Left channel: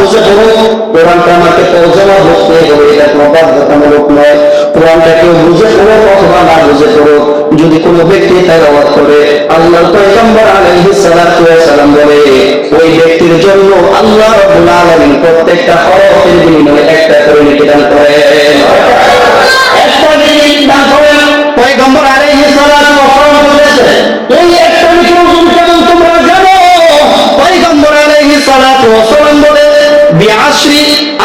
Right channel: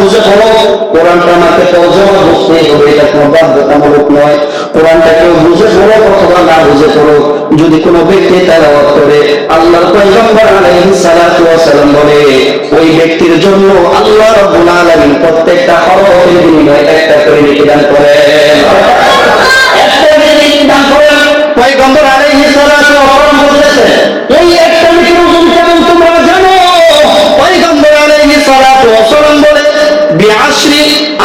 বুঝে পড়ো কোরআনটা আমাকে তর্জমা বুঝতে হবে এটা কোনো বাধ্যতামূলক নয়। কোরআনটা কেউ বুঝে পড়ো অথবা না বুঝে পড়ো যদি কোনো ব্যক্তি তেলাওয়াত করে, আল্লাহর পয়গম্বর আলাইহিস সালাম বলে, ওই ব্যক্তির জন্য আল্লাহ রাব্বুল আলামিন প্রত্যেকটা হরফের বিনিময়ে একটা করে নেকি দান করেন। একটা নেকি দান করেন। পয়গম্বর আলাইহিস সালাতু ওয়াস সালাম বলেছেন এই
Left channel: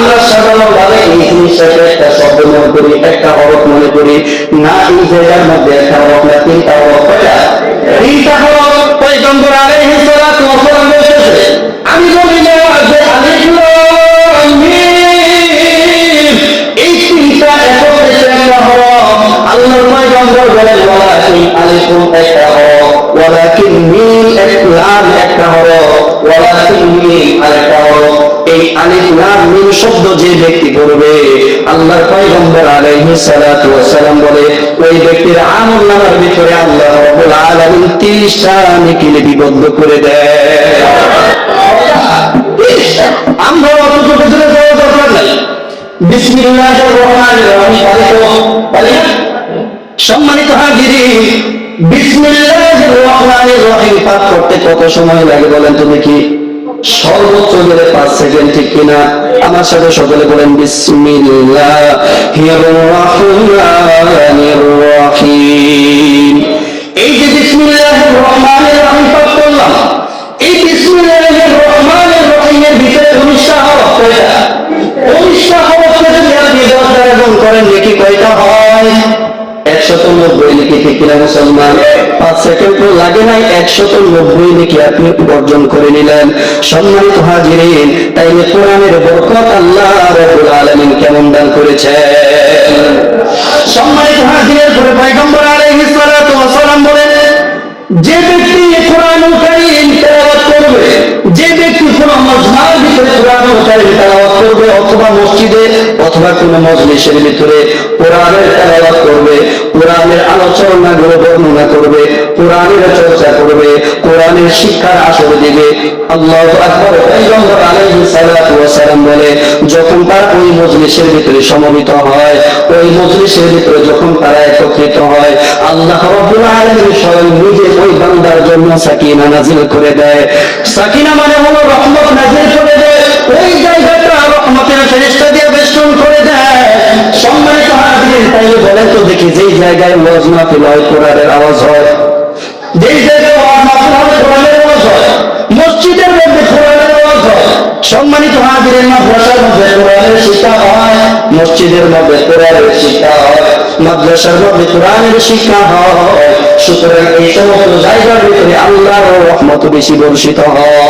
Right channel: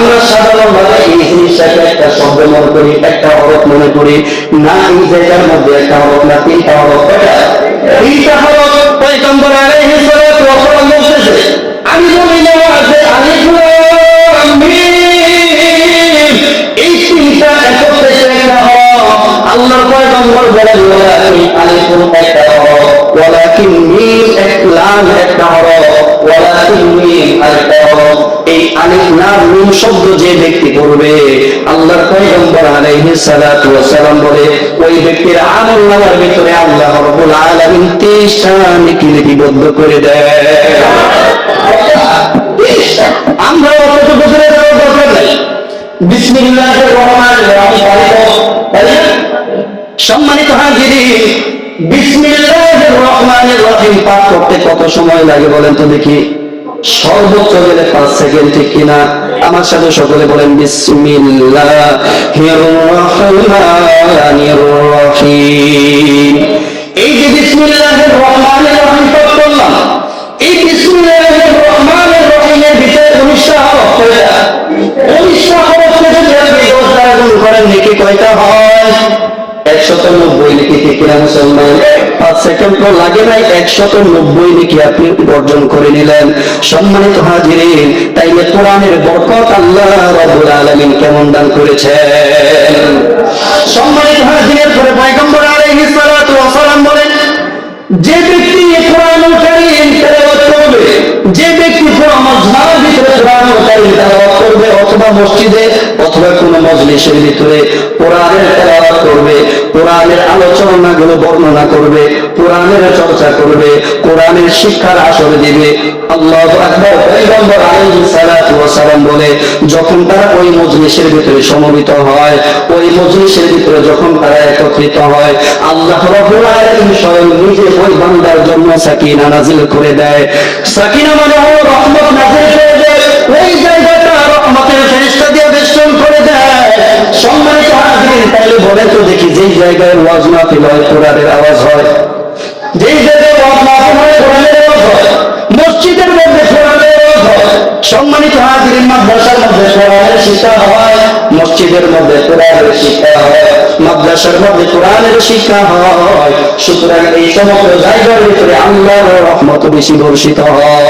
আমরা সাধারণভাবে এই জিনিসটাকে একটা শব্দ মনে করি, একটা হরফ মনে করি। না, এই জায়গার মধ্যে একটা হরফ না, তিনটা হরফ। কয়টা? তিনটা পয়গম্বর বলতেছে, আমি বলি না এই তিনটা একটা হরফ, আল্লাহর পয়গম্বর বলেন, ওয়ালাকিন একটা ওয়ালাকিন মিম এক, লাম একটা ওয়ালাকিন মিম আরেকটা হরফ। এই আলিফ লাম মিম শব্দ যে ব্যক্তি পড়বে, আল্লাহর পয়গম্বর আলাইহিস সালাতু ওয়াস সালাম বলে, ওই ব্যক্তির আমল নামার ভিতরে আল্লাহ রাব্বুল আলামিন 30টা নেকি লিপিবদ্ধ করে দেয়। আমরা অতটুকু দূরে যাওয়ার দরকার নাই। বিসমিল্লাহির রহমানির রহিম সম্মানিত হাজিরি, বিসমিল্লাহির রহমানির রহিম, পাঠ করতে কত সময় লাগে বলেন তো দেখি। সর্বোচ্চ গেলে পাঁচ সেকেন্ড, ঠিক কিনা? আমার সাথে সকলে বলেন রহিম। এই যে বিসমিল্লাহির রহমানির রহিম করলাম। এই বিসমিল্লাহির রহমানির রহিমের ভিতরে উনিশটা হরফ উনিশটা হরফকে যদি আপনি দশ দ্বারা করেন, নাকি কয়টা হয়? একশত নব্বই নাকি ঠিক মুসলমান? পাঁচ সেকেন্ড তো লাগে নাই, একশত নব্বই নাকি আপনি অর্জন করে নিলেন। সম্মানিত হাজিরিন কোরআনের বরকত আল্লাহ রব্বুল আলামিন কেমন দান করেছেন? সম্মানিত হাজিরের পরে বলেন, যে ব্যক্তি করবে, যে ব্যক্তি কোন মজমার ভিতরে করবে, অথবা মসজিদে, অথবা কোন মজলিসের ভিতরে কোরআনের তেলাওয়াত করবে, কোরআনের আলোচনাগুলো বর্ণনা করবে, কোরআনের চর্চা করবে, কোরআনের শিক্ষার আসর দিবে। আল্লাহ আকবর পয়গম্বর আলাইহিস সালাতু ওয়াস সালাম বলে, যখন তারা ওই মজলিসের ভিতরে সমবেত হয়, ওই মজলিসের ভিতরে যখন তারা একত্রিত হয়, আল্লাহ রাব্বুল আলামিন স্বয়ং নিজে ওই বান্দার জন্য সাকিনা নাজিল করে দেয়। সাকিনা মানে হলো রহমত নাজিল করে দেয়। ওই জায়গাটা রহমতের ফেরেশতা দিয়ে বেষ্টন করে দেয়। হাজিরিন তাইলে বলেন তো দেখি, যেই জায়গায় ওয়াজ মাহফিল হয়, কোরআনের আওয়াজ হয়? যেই জায়গায় ওয়াজ মাহফিল হয়, কোরআনের আওয়াজ হয়। মসজিদের মধ্যে কোরআনের আওয়াজ হয়। সম্মানিত হাজিরের মাদ্রাসার মধ্যে কোরআনের শিক্ষা হয়। মসজিদের মধ্যে কোরআনের শিক্ষা হয়। মাদ্রাসার মধ্যে কোরআনের শিক্ষা হয়। সুতরাং এই সমস্ত জায়গার ভিতরে আল্লাহর রহমত বেশি বর্ষিত হয়?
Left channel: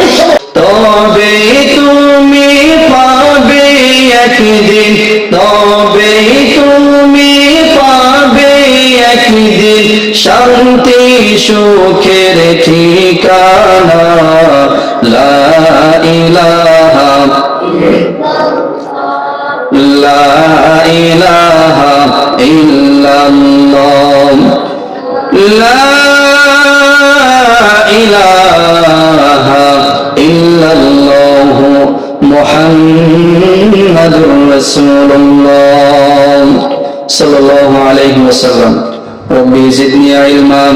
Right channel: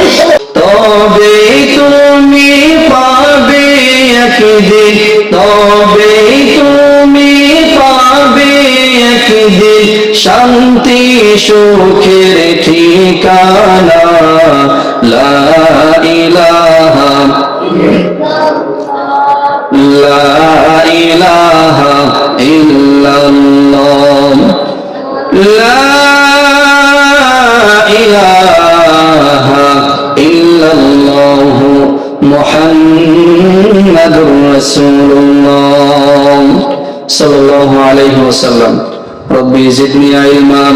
এই সমস্ত- শান্তি সুখের ঠিকানা লা ইলাহা লা ইলাহা ইল্লাল্লাহ। মুহাম্মাদুর রাসূলুল্লাহ। সাল্লাল্লাহু আলাইহি ওয়াসাল্লাম। رب زدني علما.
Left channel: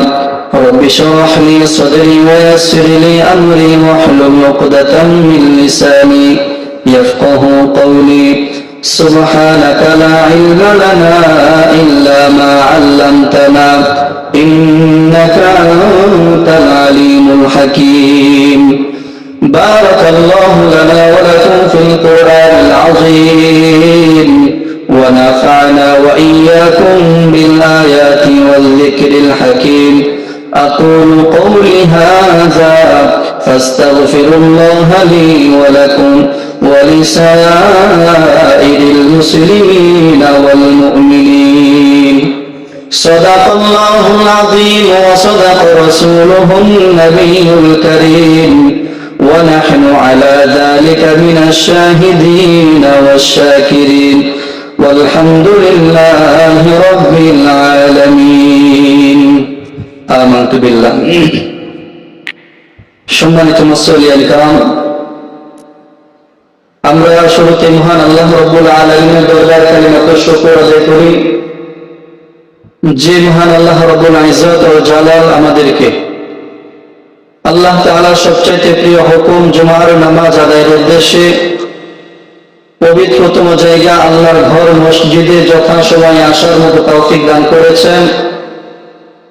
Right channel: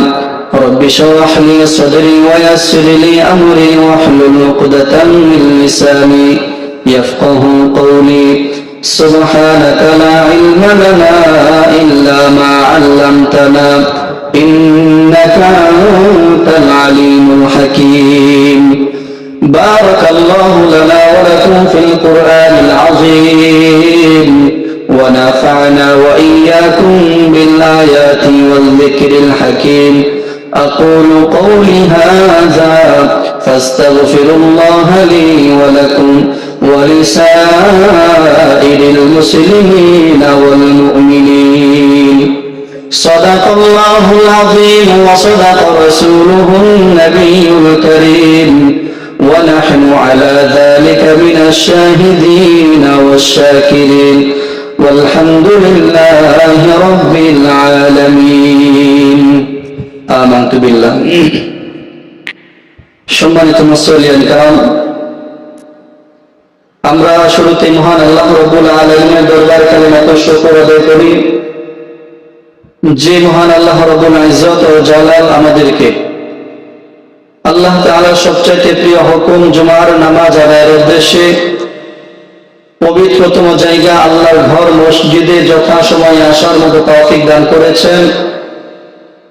رب اشرح لي صدري ويسر لي أمري واحلل عقدة من لساني يفقه قولي. سبحانك لا علم لنا إلا ما علمتنا إنك أنت العليم الحكيم. بارك الله لنا ولكم في القرآن العظيم ونفعنا وإياكم بالآيات والذكر الحكيم. أقول قولي هذا فاستغفر الله لي ولكم ولسائر المسلمين والمؤمنين. صدق الله العظيم وصدق رسوله النبي الكريم. ونحن على ذلك من الشاهدين والشاكرين. والحمد لله رب العالمين آمنت بالله সম্মানিত মুসলিয়ান কারণ আমরা শুরুতে মহান আল্লাহ রব্বুল আলমের দরবার কালিমাত শুকর আদায় করি যে মহান আল্লাহ রব্বুল ইজত ও জালাল আমাদেরকে আল্লাহ তাআলার সবচাইতে প্রিয় হুকুম জুমার নামাজ আদায়ের উদ্দেশ্যে পবিত্রতম জায়গা আল্লাহর ঘর মসজিদে যথাসময়ে আসার মতো তৌফিক দান করেছেন।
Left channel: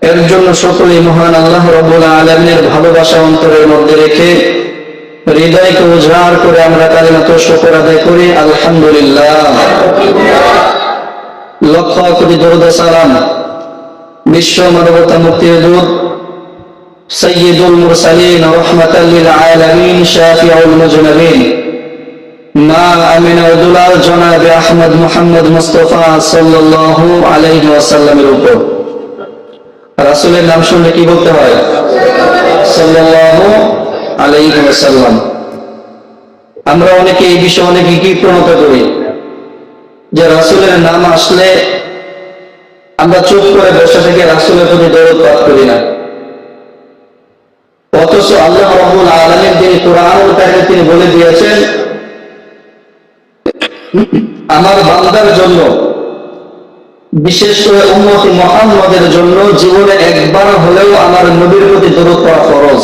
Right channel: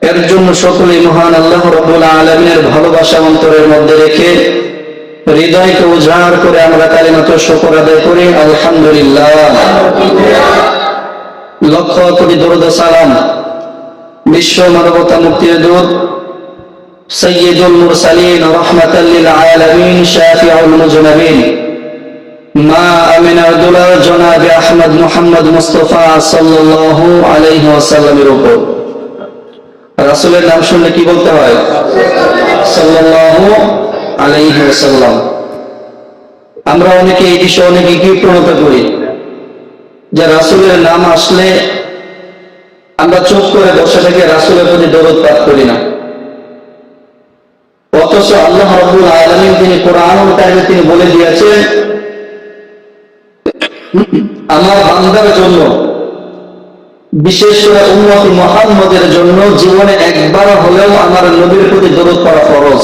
এর জন্য সকলেই মহান আল্লাহ রব্বুল আলমিনের ভালোবাসা অন্তরের মধ্যে রেখে হৃদয়কে উজাড় করে আমরা কালিমাত শকর আদায় করি। আলহামদুলিল্লাহ। লক্ষ কোটি দরুদ সালাম বিশ্ব মানবতা মুক্তির দূত সৈয়দুল মুরসালিন রহমাতাল্লিল আলামিন শাফিউল মুজনাবিন। মা আমিনা দুলাল জনাবে আহমদ মুস্তফা সাল্লাল্লাহু আলাইহি ওয়াসাল্লামের উপর। রাসূলের নাম শুনলে কি বলতে হয়? সাল্লাল্লাহু আলাইহি ওয়াসাল্লাম। আমরা অনেকে এই বিষয়ে অনেকে কি প্রণত করি যে রাসূলের নাম আসলে আমরা চুপ করে বসে থেকে রাসূলের প্রতি দরদ পাঠ করি না। অথচ আল্লাহ রব্বুল আলামিন তিনি কোরআনুল কারিমে তিনি বলে দিয়েছেন আমার বান্দার জন্য, বিশেষ করে উন্নতি মোহাম্মদের জন্য জীবনে একবার হলেও আমার নবীর প্রতি দরদ করা ফরজ।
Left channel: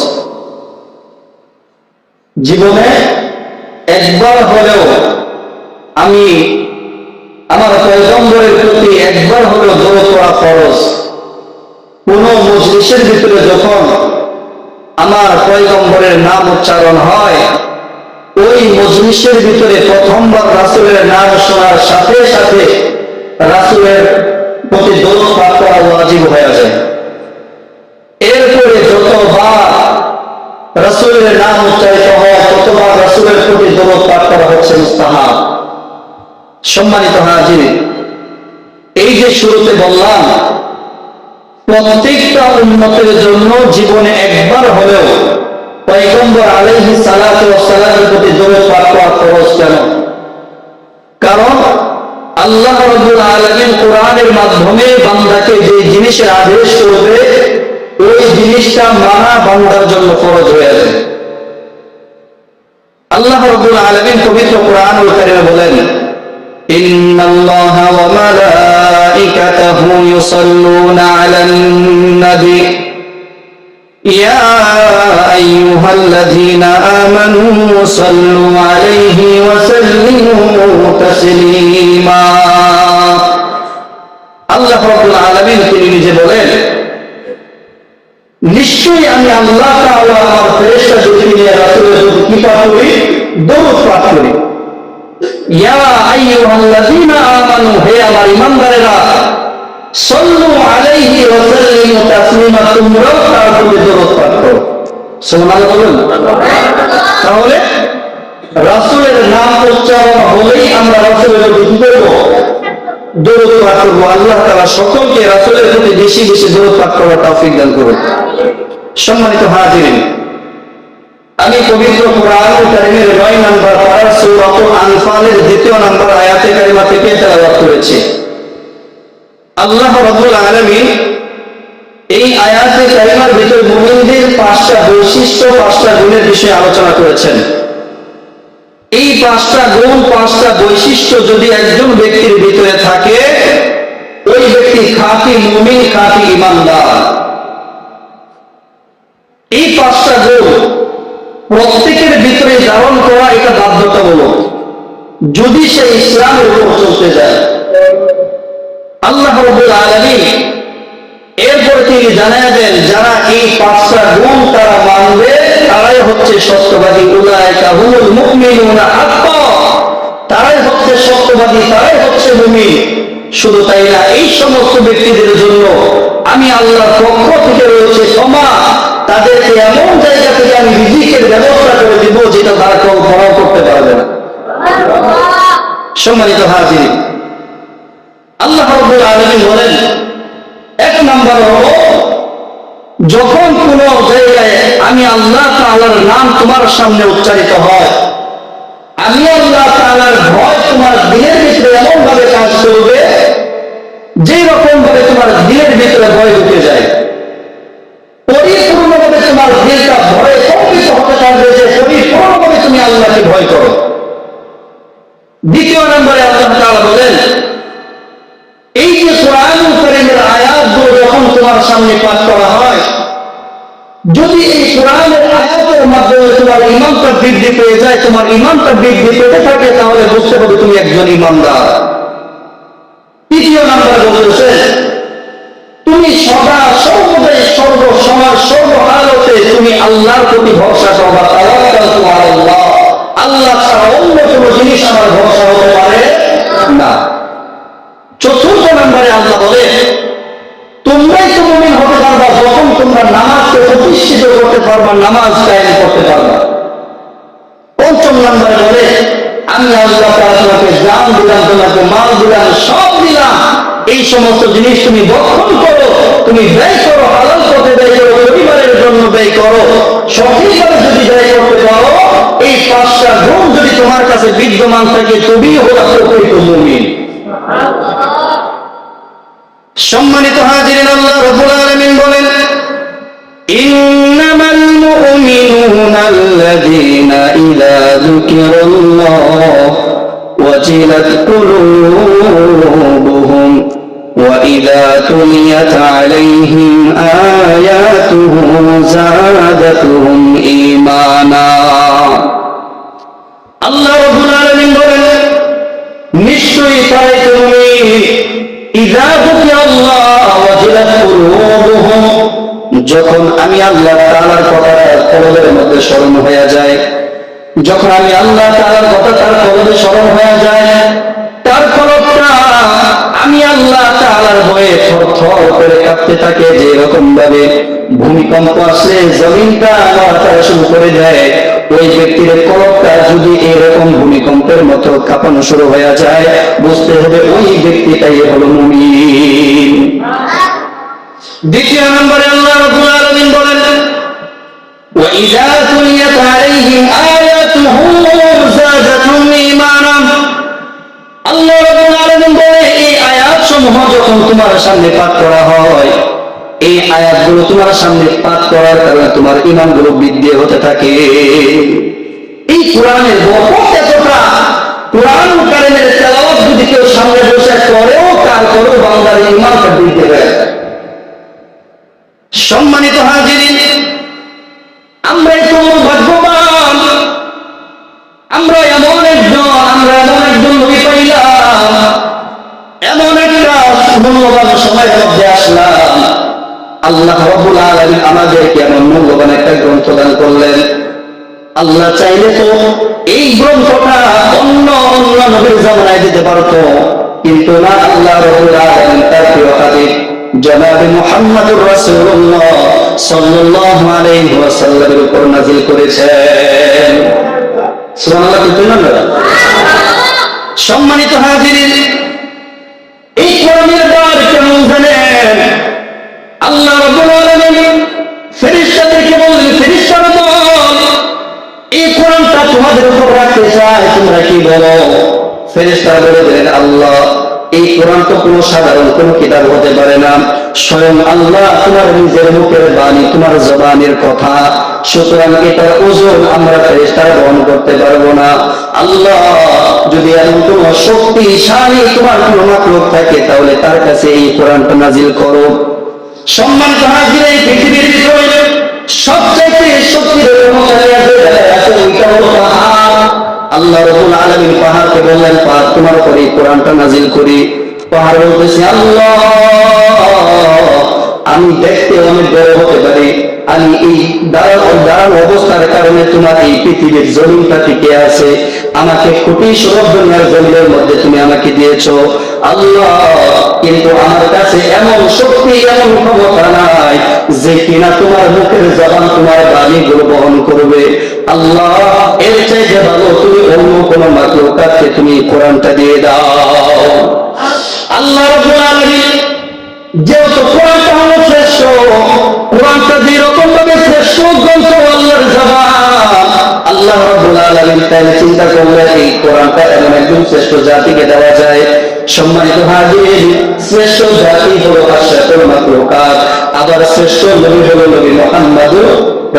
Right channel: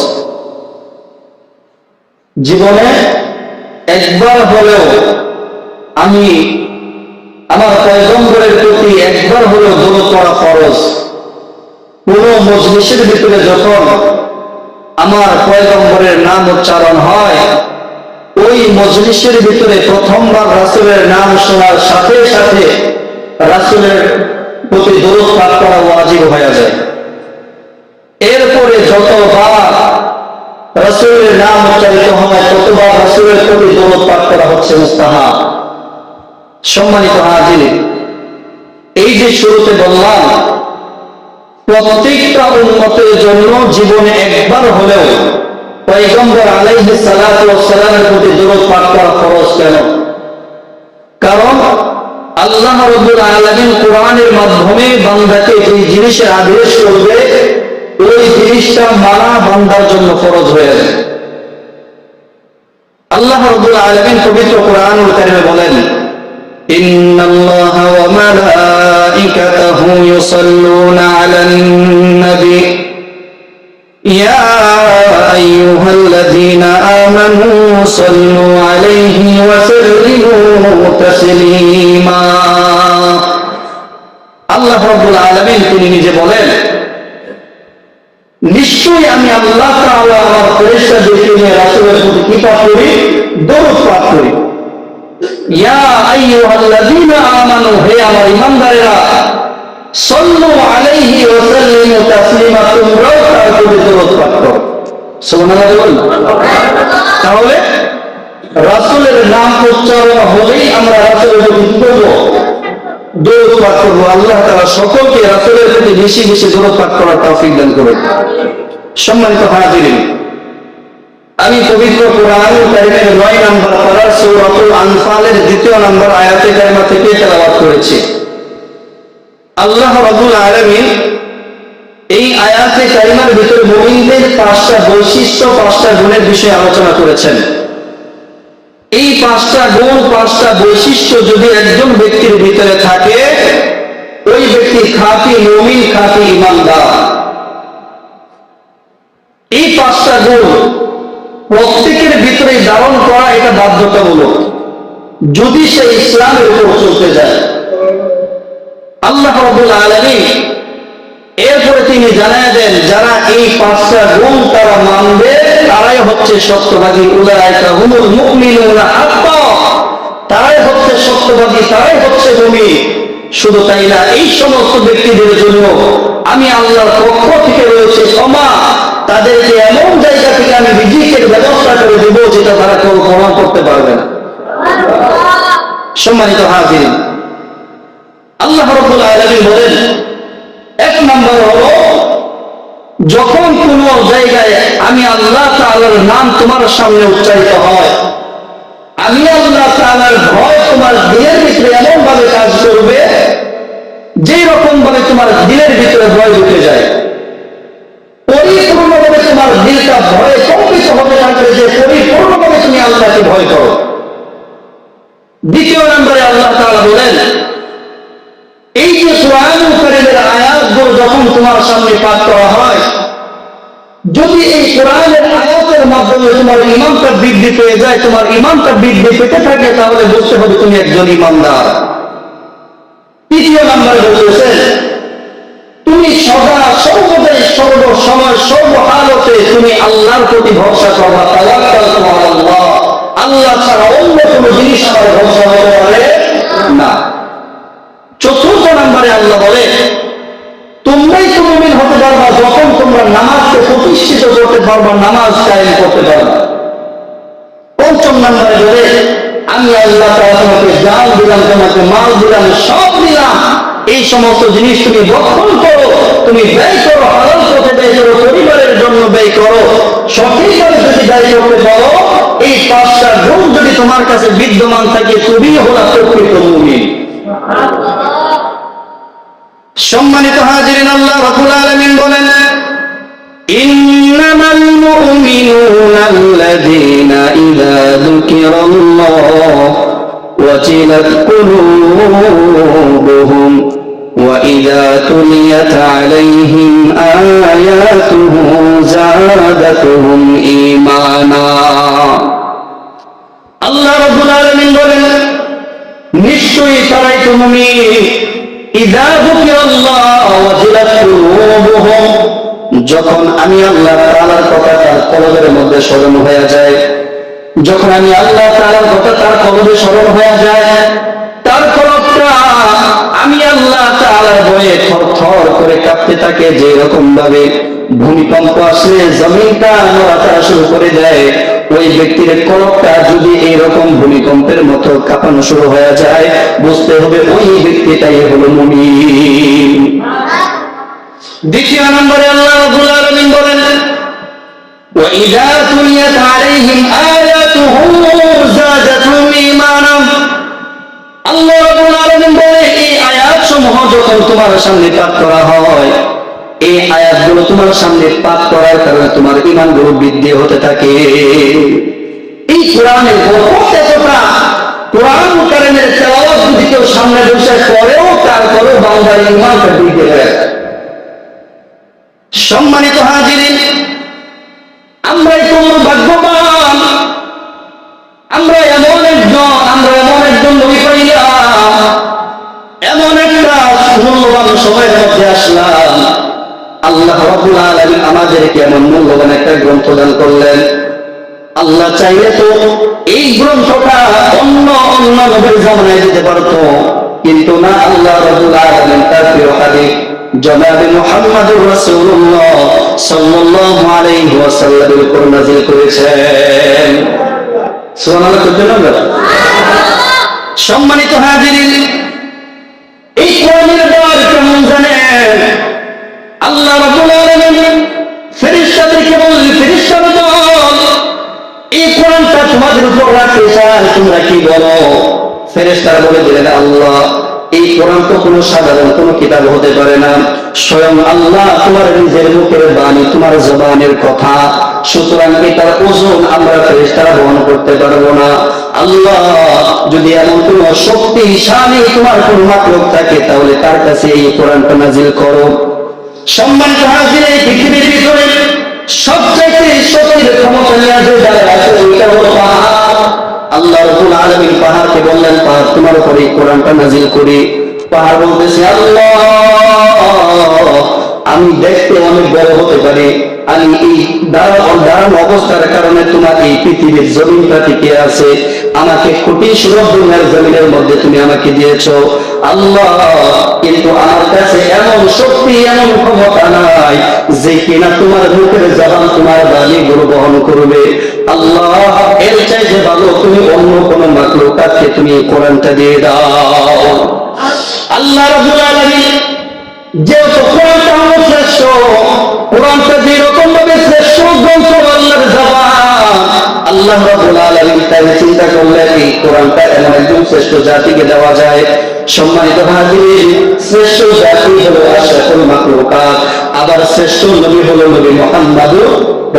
জীবনে একবার হলেও আমি আমার পয়গম্বরের প্রতি একবার হলেও দরদ করা ফরজ। কোন মজলিসের ভিতরে যখন আমার পয়গম্বরের নাম উচ্চারণ হয় ওই মজলিসের ভিতরে প্রথমবার রাসুলের নাম শোনার সাথে সাথে রাসুলের প্রতি দরদ পাঠ করা ওয়াজিব হয়ে যায়। এরপরে যতবার রাসুলের নাম উচ্চারিত হয়, ততবার রাসুলের প্রতি দরদ পাঠ করা হচ্ছে মুস্তাহা সম্মানিত হাজির, এই যে শুরুতে বললাম, প্রত্যেকটা উন্নতের জন্য জীবনে একবার হলেও পৈগম্বর আলাইহি সালামের প্রতি দরদ পাঠ করা খরচ কেন কারণ আল্লাহ রব্বুল আলমিন কোরআনের মাধ্যমে বান্দাকে যে জিনিসের আদেশ করবে ওই জিনিসটা মানা বান্দার জন্য ফরজ হয়ে যায় আল্লাহ রব্বুল আলমিন পবিত্র কোরআনুল কারিমে বলেন إن الله وملائكته يصلون على النبي يا أيها الذين آمنوا صلوا عليه وسلموا تسليما আল্লাহ রব্বুল আলমিন তিনি নিজে বলেন নিশ্চয়ই আমি আল্লাহ তাআলা আমার ফেরেশতাদেরকে নিয়ে রাসূলের প্রতি কি পাঠ করি দরুদ পাঠ করি ইয়া আইয়ুহাল্লাযীনা আমানু হে আমার ঈমানদারেরা সাল্লু আলাইহি ওয়া সাল্লিমু তাসলিমা তোমরাও তার প্রতি দরুদ পাঠ করো সুবহানাল্লাহ বলুন তাহলে রাসূলের নাম উচ্চারণ হলেই আমরা রাসূলের প্রতি কি করব? দরুদ পাঠ করব। আল্লাহ তাআলা সকলকে রাসূলের প্রতি বেশি বেশি দরুদ পাঠ করার তৌফিক দান করুন। সম্মানিত হাজিরিন, আমি পবিত্র কোরআন কারিমের নয় নম্বর পাড়ার সৌরাতুল আনফালের দ্বিতীয় নম্বর আয়াতে কারিমা থেকে তেলাওয়াত করেছি। আল্লাহ রবুল আলমী এই আয়াতে কারিমার ভিতরে মুমিনদের পাঁচটা বৈশিষ্ট্য, পাঁচটা গুণের বিষয়ে আলোচনা করেছেন। এই পাঁচটা গুণ, পাঁচটা বৈশিষ্ট্য যদি একজন ব্যক্তির ভিতরে থাকে, ওই ব্যক্তি খাঁটি মুমিন, খাঁটি ইমানদার। এই পাঁচটা গুণ প্রত্যেকের ভিতরে ধারণ করা এটা বাধ্যতামূলক। যদি সে ইসলামের উপর চলতে যায়, আল্লাহ রবুল আলমী এরপরে তিনি জানায় দেন, যারা এই পাঁচটা গুণ তারা মানবে, তারাই হচ্ছে সত্যবাদী উলায়কা তারাই হচ্ছে সত্যবাদী, তারাই হচ্ছে মুমিন। শুধু তাই না, এই সমস্ত ব্যক্তিদের জন্য আমি আল্লাহর পক্ষ থেকে রয়েছে ক্ষমা। তাদেরকে এমন জায়গা থেকে আমি রিজিকের ব্যবস্থা করে দিব যেটা তারা কল্পনাও করতে পারবে না। সম্মানিত হাজির আল্লাহ রব্বুল আলমিন বলেন এক নম্বর হল, যখন কোন জায়গায় আমি আল্লাহ তালার নাম তোমার সামনে উচ্চারিত হয়, আমি আল্লাহ তাআলার ভয় তোমার দিলের ভিতরে এমন ভাবে কাজ করবে যেই রকম ভাবে তোমার দিলের ভিতরে ভয় ঢুকে যায় পরিপূর্ণভাবে তোমার দিলটা ভয়ে কম্পিত হতে থাকবে যে পরিপূর্ণভাবে তুমি আল্লাহকে ভয় করো দ্বিতীয় নম্বরে আল্লাহ তাআলা বলেন এই যে কোরআন কারিমের আয়াতগুলো যখন তোমার সামনে পাঠ করা হয় যদি এই কোরআনের আয়াতের মাধ্যমে তোমার ইমানটা বৃদ্ধি পেয়ে যায়, তোমার ইমানটা বৃদ্ধি পেতে থাকে, তাহলে বুঝতে হবে তুমি একজন ইমানদার তৃতীয় নম্বরে বলতেছে, তুমি সদা সর্বদাই সর্ব সময় সর্বহালতে তুমি আল্লাহর প্রতি ভরসা করবা তোমার আল্লাহ আল্লাহ ছাড়া অন্য কোনো জিনিস আমার ভরসা হতে পারে না। চতুর্থ নম্বরে আল্লাহ বলে, তোমরাই তো মুমিন হতে পারবা যখন তোমরা নামাজকে প্রতিষ্ঠিত করতে পারবা, নামাজ কায়েম করতে পারবা। পঞ্চম নম্বরে বলে, আমি আল্লাহ তাআলা তোমাকে জান দিলাম, তোমাকে মাল দিলাম, সব দিলাম। এই সমস্ত জিনিস তুমি বক্ষণ করো, তুমি ব্যয় করো, হালাল পথে ব্যয় করো, পরিবারের জন্য ব্যয় করো। সঠিকভাবে যদি ব্যয় করতে পারো, এই পাঁচটা গুণ যদি তোমার কাছে বিদ্যমান থাকে, তুমি হলো প্রকৃত মুমিন। সম্মানিত হাজিরিন, আল্লাহ রবুল আলমিন বলেন إنما المؤمنون الذين إذا ذكر الله وجلت قلوبهم وإذا تليت عليهم آياته زادتهم إيمانا আল্লাহ রবুল আলমিন বলেন নিশ্চয়ই তারাই তো মুমিন ইদা যুকিরাল্লাহ ওয়াজিলাত কুলুবুহুম যখন আমি আল্লাহ তাআলার কথা তার কলবের মধ্যে স্মরণ হয়ে যায়, যখন আমি আল্লাহ তাআলার কথা তার কলবে স্মরণ হয়ে যায়, তার কলবটা আমি আল্লাহ তাআলার বয়ে থরথর করে কাঁপতে থাকে যে এরকম ভাবে ভূমিকম্প আসলে জমিনটা নড়াচড়া শুরু করে দেয়, ওই ব্যক্তির কলকটা যদি এরকম ভূমিকম্পের মতো কাঁপানো শুরু হয়ে যায়, বুঝতে হবে ওই ব্যক্তিটাই হলো মুমিন। দ্বিতীয় নম্বরে আল্লাহ রাব্বুল আলামিন বলেন وَإِذَا تُلِيَتْ عَلَيْهِمْ آيَاتُهُ زَادَتْهُمْ إِيمَانًا আল্লাহ রাব্বুল আলামিন বলে এই আয়াতসমূহ যখন তোমার সামনে পাঠ করা হয় এই আয়াতগুলো তোমার সামনে পাঠ করার কারণে তোমার ইমানগুলো বৃদ্ধি হতে থাকে এই কোরআনের বরকত এতটা কোরআন কারিমের তেলাওয়াত যদি কেউ সামনে বসে করেও তারপরেও বান্দার ইমানটা বৃদ্ধি হয়ে যায় সম্মানিত হাজিরিন আমরাই তো ভাগ্যবান। আমরা এমন একজন, আমরা এমন একজন নবী পাইলাম। এমন একটা মূল্যবান সময়ের মধ্যে আসলাম। আল্লাহ রব্বুল আলামিন আমাদেরকে এমন মূল্যবান একটা গ্রন্থ দান করলেন। আল্লাহ চাইলে তো এই গ্রন্থটা অন্য অন্য নবীর জামানায় দিতে পারতো, কিন্তু না, আল্লাহ রব্বুল আলামিন তার প্রিয় হাবিব জনাবে মুহাম্মদুর রাসূলুল্লাহ সাল্লাল্লাহু আলাইহি ওয়াসাল্লামের উপর নাজিল করেছেন। সুবহানাল্লাহ না সম্মানিত হাজিরিন, এই কোরআনের দ্বার কেমন জানেন? আল্লাহ রাব্বুল আলামিন ফেরেশতাদেরকে বললেন ফেরেশতার দল এই কোরআনটা তোমাদের উপর রাখতে চায়, তোমরা কি বলো? ফেরেশতারা বলে দিলেন, আল্লাহ এই কোরআন তো কোনো সাধারণ কোনো কিতাব হতে পারে না। স্বয়ং আল্লাহ তোমার নিজের মুখের বাণী, তোমার জবানের কথা। সুতরাং এটার ওজন আমরা ফেরেশতারা বহন করতে পারব না। আল্লাহ যদি এমন কোন শক্তিশালী তোমার কোন মাকলুক থাকে, তাহলে তার কাছে এই কোরআনটা নাজিল করো। সম্মানিত হাজির, এই পৃথিবীর ভিতরে সবচাইতে শক্তির ক্ষমতা নিয়ে যে দাঁড়ায় আছে, ওইটা হলো পাহাড়। আল্লাহ রবুল আলমিন পাহাড়কে বললেন, পাহাড় তোমার উপরে কোরআনটা নাজিল করি। পাহাড় বলতেছে, আল্লাহ, আমি দেখতে অনেক বড় হতে পারি। আমি এই দাঁড়ানো অবস্থার কারণে তোমার এই পৃথিবীর জমিনটা টিকে আছে। আমাকে কোটি সুরভ দুনিয়ার জমিনের মধ্যে তুমি আমাকে দিয়েছ। আল্লাহ, কিন্তু আমার কাছে এমন শক্তি, এমন ক্ষমতা নাই যে কিনা তোমার মুখের জবান তোমার বাণীগুলো বহন করবে। আল্লাহ, এর চাইতে ভালো তুমি অন্য কোন মাকলুকাতকে তুমি কোরআনটা দিয়ে দাও। আল্লাহ আলামিন যেহেতু কোরআনটা হলো শ্রেষ্ঠ, কোরআনটা যেরকম ভাবে শ্রেষ্ঠ গ্রন্থ আল্লাহর জবান, আল্লাহ আলামিন চিন্তা করলেন, এই কোরআনটা এমন একজন শ্রেষ্ঠ জাতিকে দেওয়া যায়। সম্মানিত হাজির শ্রেষ্ঠ জাতি হলো আশরাফুল মাখলুকাত, আবার শ্রেষ্ঠ নবী হলো নবী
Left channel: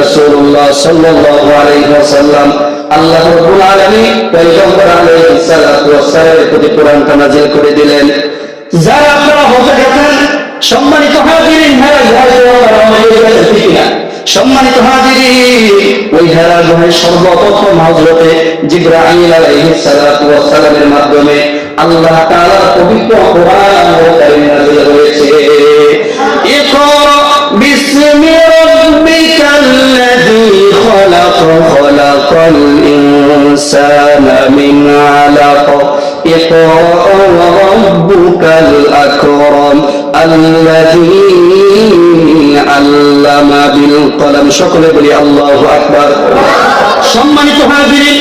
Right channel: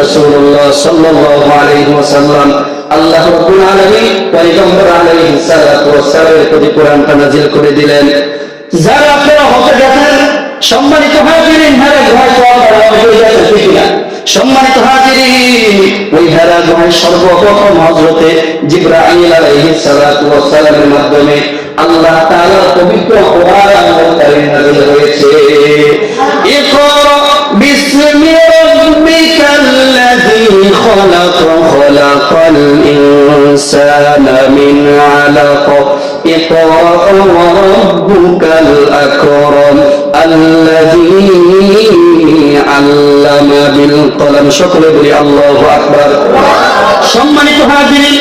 রাসূলুল্লাহ সাল্লাল্লাহু আলাইহি ওয়াসাল্লাম আল্লাহ রাব্বুল আলামিন পয়গম্বর আলাইহিস সালাতু ওয়াস সালামের প্রতি কোরআনটা নাজিল করে দিলেন। যারা আপনারা হতে গেছেন সম্মানিত হাজিরিন হয়ে না সম্মানিত হাজিরিন, ওই হেরা গুহায় সর্বপ্রথম হজরতে জিব্রাইল আলাইহিস সালাতু ওয়াস সালামের মাধ্যমে আল্লাহ তাআলার পবিত্র কোরআন নাযিল খলাক খলাকাল ইনসানা মিন আলাক اقرأ وربك الأكرم الذي علم بالقلم সকলে বলি আল্লাহু আকবার সম্মানিত হাজিরিন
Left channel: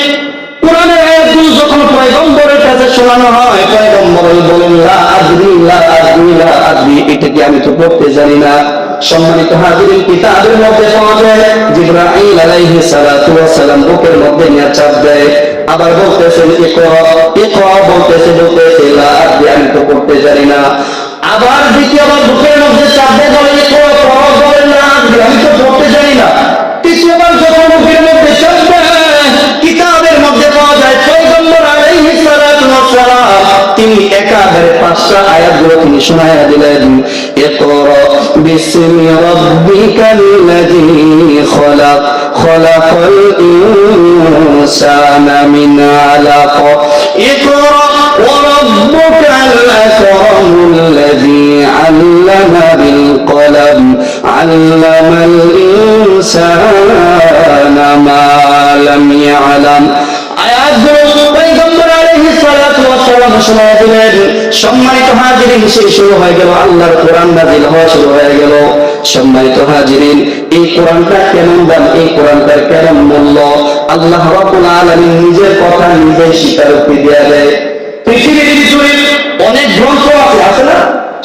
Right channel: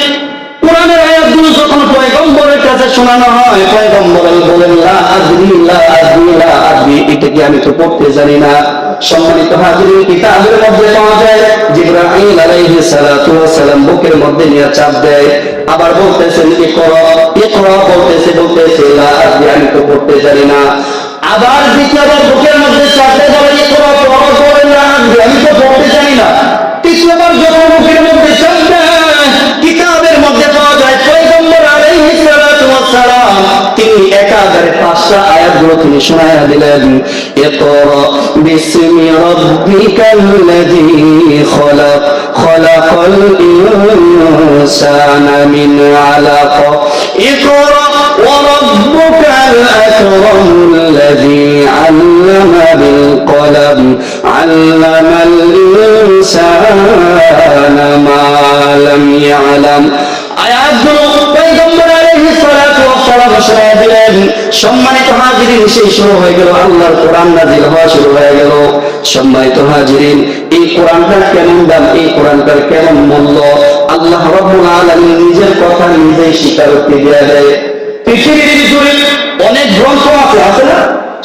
কোরআনের আয়াতগুলো যখন পয়গম্বরের কাছে শোনানো হয় পয়গম্বর বলেন লা আদরি লা আদরি লা আদরি এটা কি আমি তো পড়তে জানি না সম্মানিত হাজিরিন, কিতাবের মধ্যে পাওয়া যায়, জিব্রাইল আলাইহি সালাতু ওয়াস সালাম বুকের মধ্যে নিয়ে চাপ দেয়। আবার বলতেছেন ইকরা ইকরা বলতেছে বলতেছে, লা আমি তো পড়তে জানি না। আবার দ্বিতীয়বার বুকের মধ্যে চাপ দেয়, বলে ইকরা পড়ো, বলে না আমি তো পড়তে জানি না। তৃতীয়বার যখন বুকের একাধারে পাঁচটা আয়াতগুলো তিনি শোনায়া দিলেন ইকরা বিসমি রাব্বিকাল্লাযী খলাক খলাকাল ইনসানা মিন আলাক ইকরা وربك الأكرم الذي علم بالقلم علم الإنسان ما لم يعلم আয়াতগুলো পয়গম্বর আলাইহিস শোনায় দিলেন। সম্মানিত হাজিরিন, সেই শুরু হয়ে গেল আল্লাহর কোরআন নাজিল হওয়া শুরু হয়ে গেল। সম্মানিত হাজিরিন, এই কোরআনটা কেমন দাম? এই কোরআনটার কেমন মূল্য? আল্লাহ রাব্বুল আলামিন নিজের কথা নিজেই স্বীকারোক্তি দেয়া দেয়। পৃথিবীর জুড়ে অনেক গ্রন্থ আছে আছে না?